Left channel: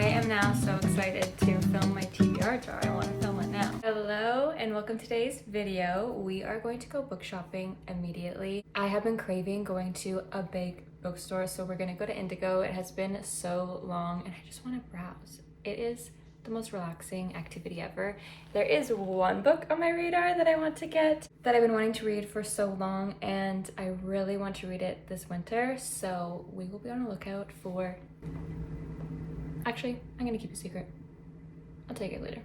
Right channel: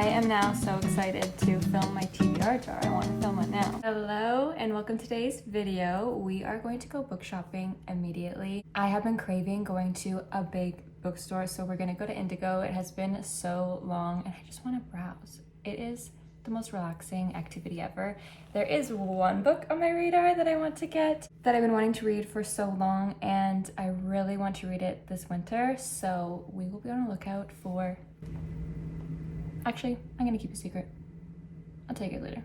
I am now so excited to film my TBR jar. I want to film it now. Hello and welcome to today's video. We are going to go book shopping immediately. I have been craving going to a big bookstore, so we're going to go to Indigo. It has been so long and I just want to browse. It is the most relaxing activity ever. There is one book on my radar that I want to get that I've been wanting to read for so long, and I really want to read it this winter, so we will be on the lookout for... Actually, I'm gonna keep a secret. I'll tell you later.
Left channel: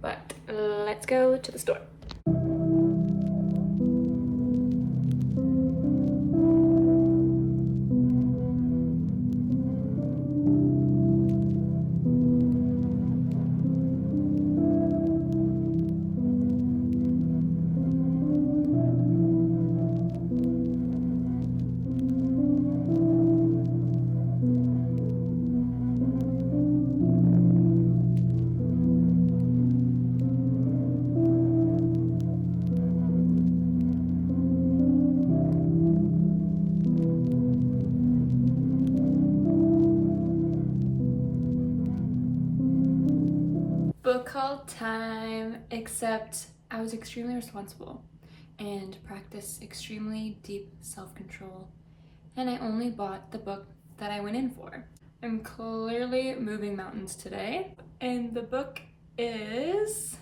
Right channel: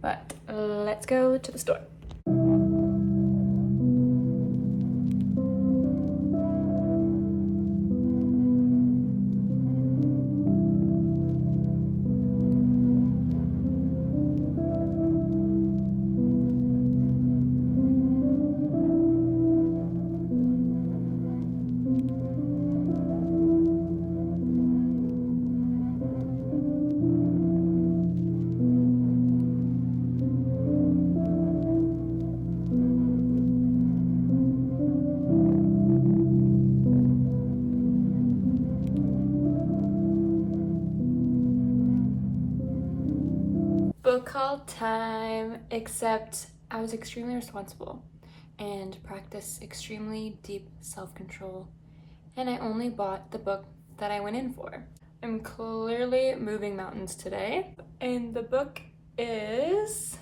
But let's go to the store. Book haul time, except I was extremely responsible and practiced extremely deep self-control, and I only bought the book that I went in for. I'm clearly moving mountains today, and the book is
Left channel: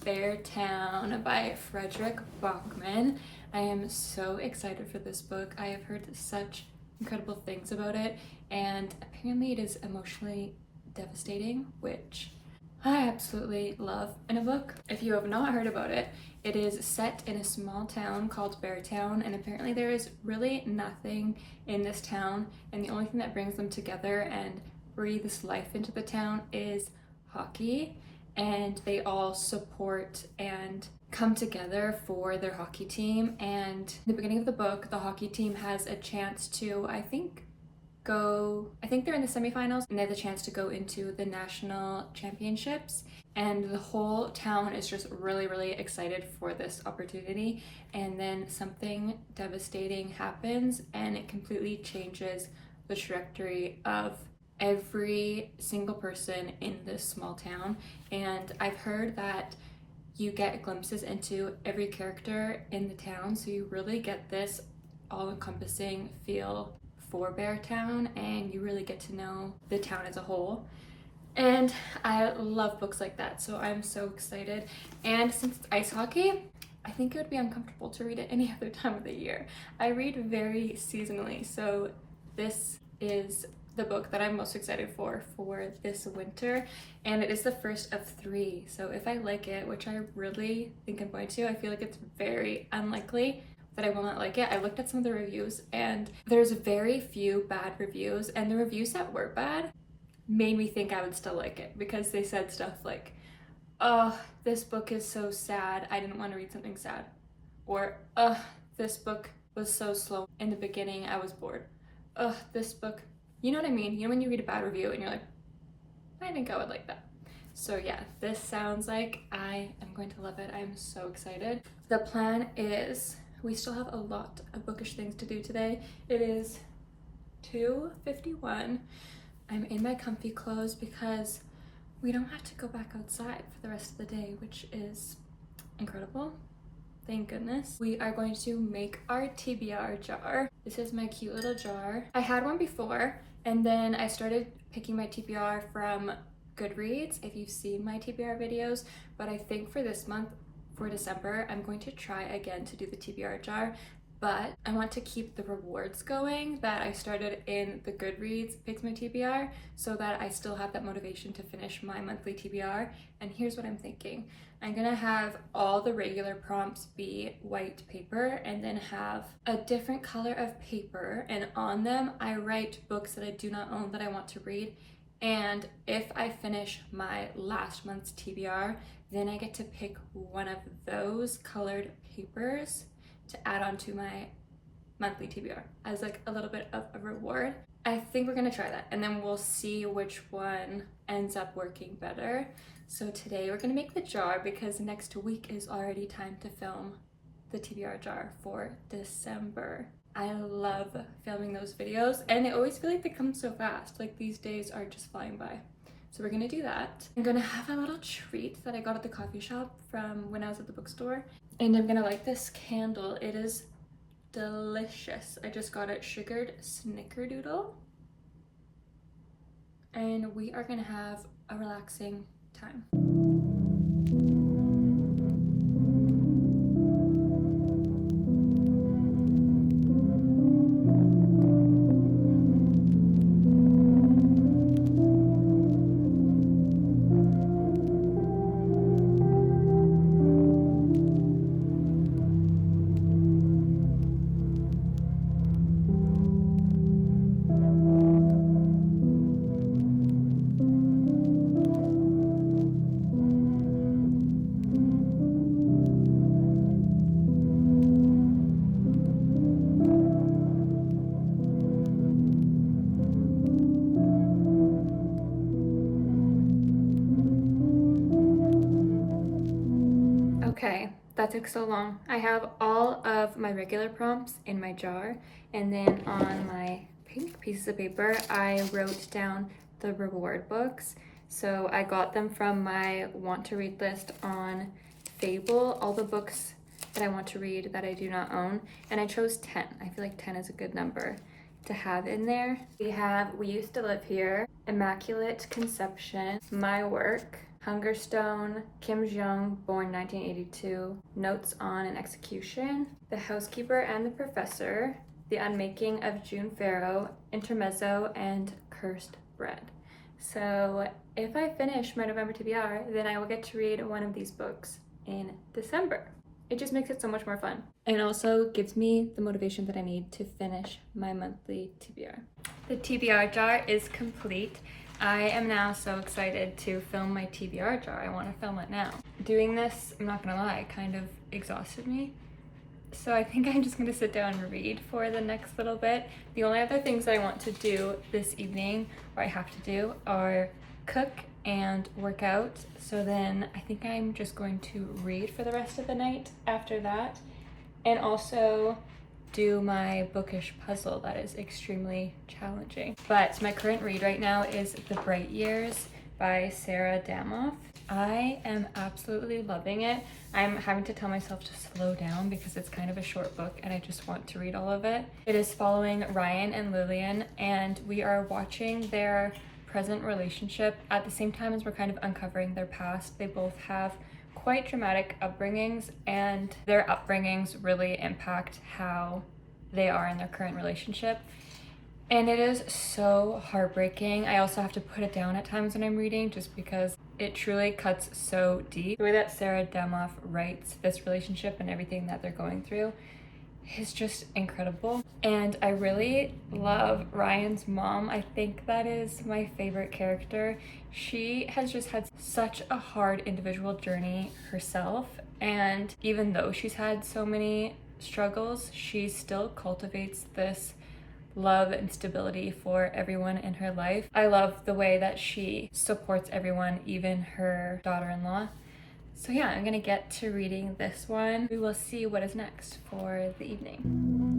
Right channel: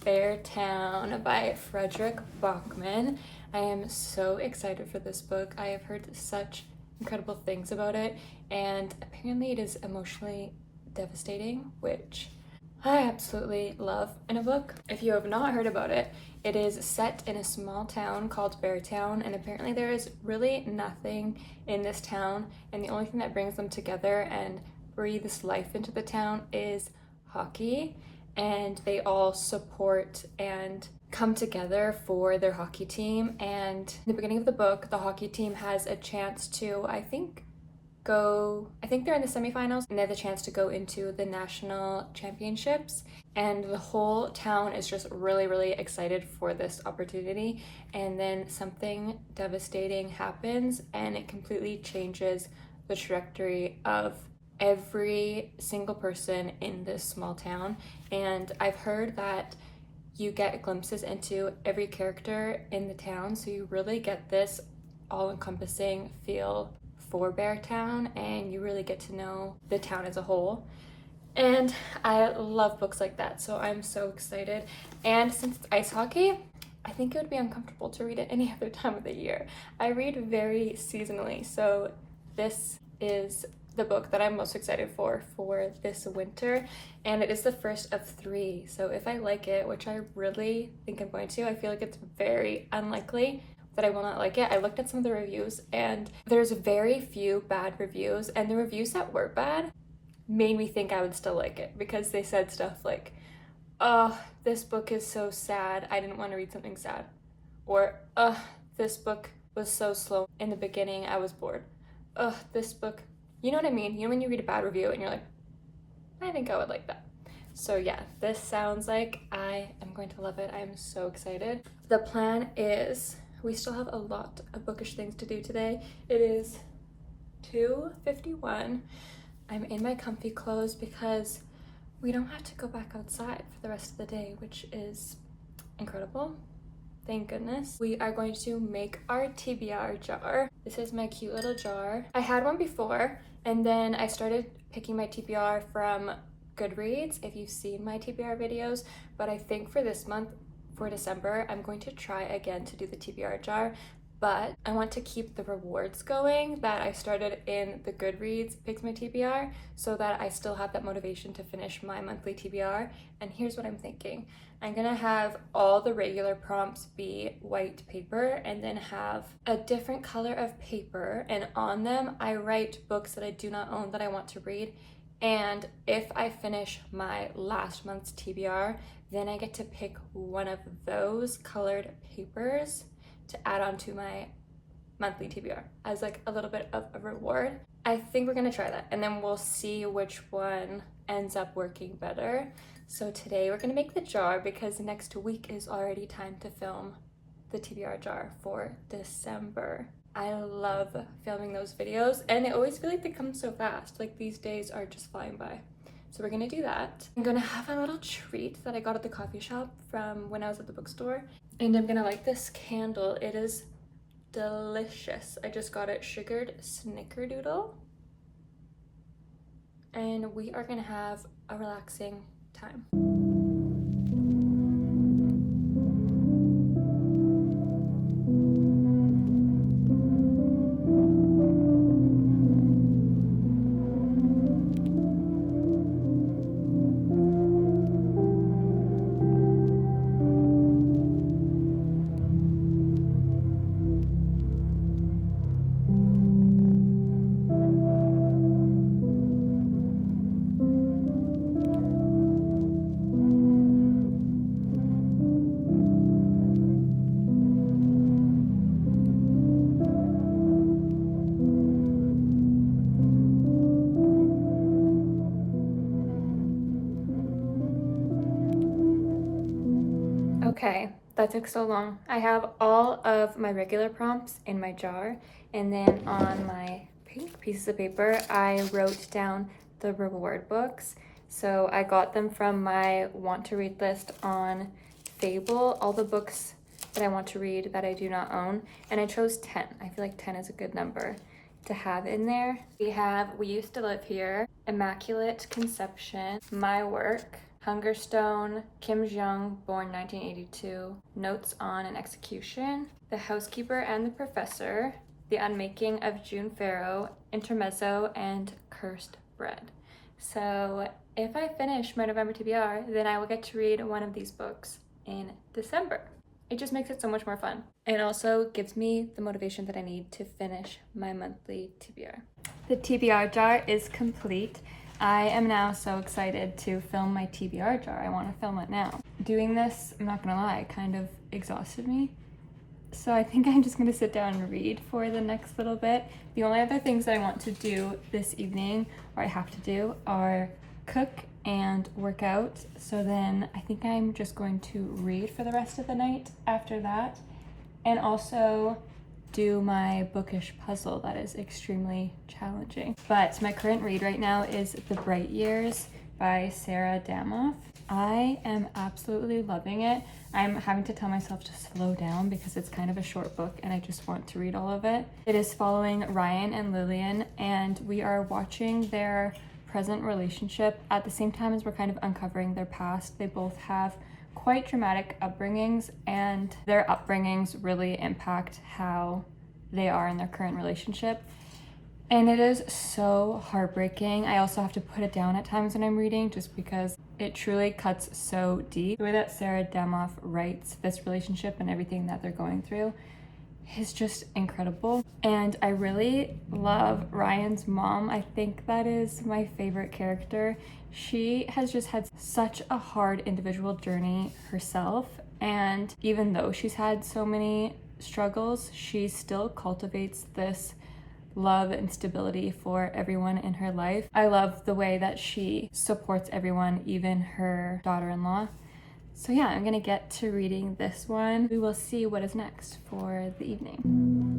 Beartown by Frederick Bachman. I am so excited for this book. I have heard such incredible things about it, and apparently it is emotionally devastating, which I absolutely love in a book. If you have not heard about it, it is set in a small town called Beartown, and apparently there is really nothing in this town, and the only thing that brings them together and breathes life into the town is hockey, and they all support and come together for their hockey team. And in the beginning of the book, the hockey team has a chance to, I think they're in the semifinals, and they have the chance to go into the national championships, and the whole town is just really excited for this opportunity. And then something devastating happens and it completely changes the trajectory of every single person in this small town. And I've heard that you get glimpses into every character in the town, so you really get this all-encompassing feel for Beartown, and you really get to know the town as a whole. And I love books like that, so I'm so excited. And since it's ice hockey, I think it would be uncomfortable to read it any other time of the year. I read very seasonally, so this is the book that I'm most excited for this winter, and it is the first of 3. So if I like it, which I really think I'm going to, I feel like it's very unlikely that I will not like it. I looked at some of the reviews, and there's very few bad reviews, and the reviews that were bad made me think I would still like it, because they said stuff like, oh, this book is so sad, I didn't want to read something sad, or this book was so slow in the beginning, I was bored. This book, you know what I mean? You know when you read a bad review and you're like, I think I would like that. So yeah, this sounds like I am going to love it. I'm so excited. The plan is, we still have a lot of bookish things to do today. It is 2:51. I'm in my comfy clothes because we don't have to go back outside for the rest of the day, which is incredible. Thank goodness. We are going to make our TBR jar. This is my cute little jar. I had one before, and then I started picking my TBR from Goodreads, if you've seen my TBR videos, but I think for this month, for December, I'm going to try again to do the TBR jar, but I want to keep the rewards going that I started in the Goodreads Picks My TBR, so that I still have that motivation to finish my monthly TBR. And here's what I'm thinking. I'm gonna have all the regular prompts be white paper, and then have a different color of paper, and on them I write books that I do not own that I want to read. And if I finish my last month's TBR, then I get to pick one of those colored papers to add on to my monthly TBR as like a little bit of a reward. I think we're gonna try that, and then we'll see which one ends up working better. So today we're gonna make the jar because next week is already time to film the TBR jar for December. I love filming those videos, and I always feel like they come so fast. Like, these days are just flying by. So we're gonna do that. I'm gonna have a little treat that I got at the coffee shop from when I was at the bookstore. And I'm gonna light this candle. It is delicious. I just got it sugared snickerdoodle. And we are gonna have a relaxing time. Okay, that took so long. I have all of my regular prompts in my jar, and then on my pink pieces of paper, I wrote down the reward books. So I got them from my want to read list on Fable, all the books that I want to read that I do not own, and I chose 10. I feel like 10 is a good number to have in there. We have We Used to Live Here, Immaculate Conception, My Work, Hungerstone, Kim Jong, born 1982, Notes on an Execution, The Housekeeper and the Professor, The Unmaking of June Farrow, Intermezzo, and Cursed Bread. So if I finish my November TBR, then I will get to read one of these books in December. It just makes it so much more fun. And also gives me the motivation that I need to finish my monthly TBR. The TBR jar is complete. I am now so excited to film my TBR jar. I want to film it now. Doing this, I'm not gonna lie, kind of exhausted me. So I think I'm just gonna sit down and read for the next little bit. The only other things I want to do this evening, or I have to do, are cook and work out. So then I think I'm just going to read for the rest of the night after that. And also do my bookish puzzle that is extremely challenging. But my current read right now is The Bright Years by Sarah Damoff. I am absolutely loving it. I'm having to tell myself to slow down because it's kind of a short book and I just want to read all of it. It is following Ryan and Lillian, and we are watching their present relationship at the same time as we're kind of uncovering their past. They both have quite dramatic upbringings, and their upbringings really impact how they are in their current relationship. And it is so heartbreaking. I also have to put it down at times when I'm reading just because it truly cuts so deep. The way that Sarah Damoff writes this relationship and everything that they're going through is just incredible. And I really love Ryan's mom. I think that is my favorite character. She has just had such a hard individual journey herself, and even though she's had so many struggles, she still cultivates this love and stability for everyone in her life. I love the way that she supports everyone, even her daughter-in-law. So yeah, I'm gonna get to reading this one. We will see what is next for the evening.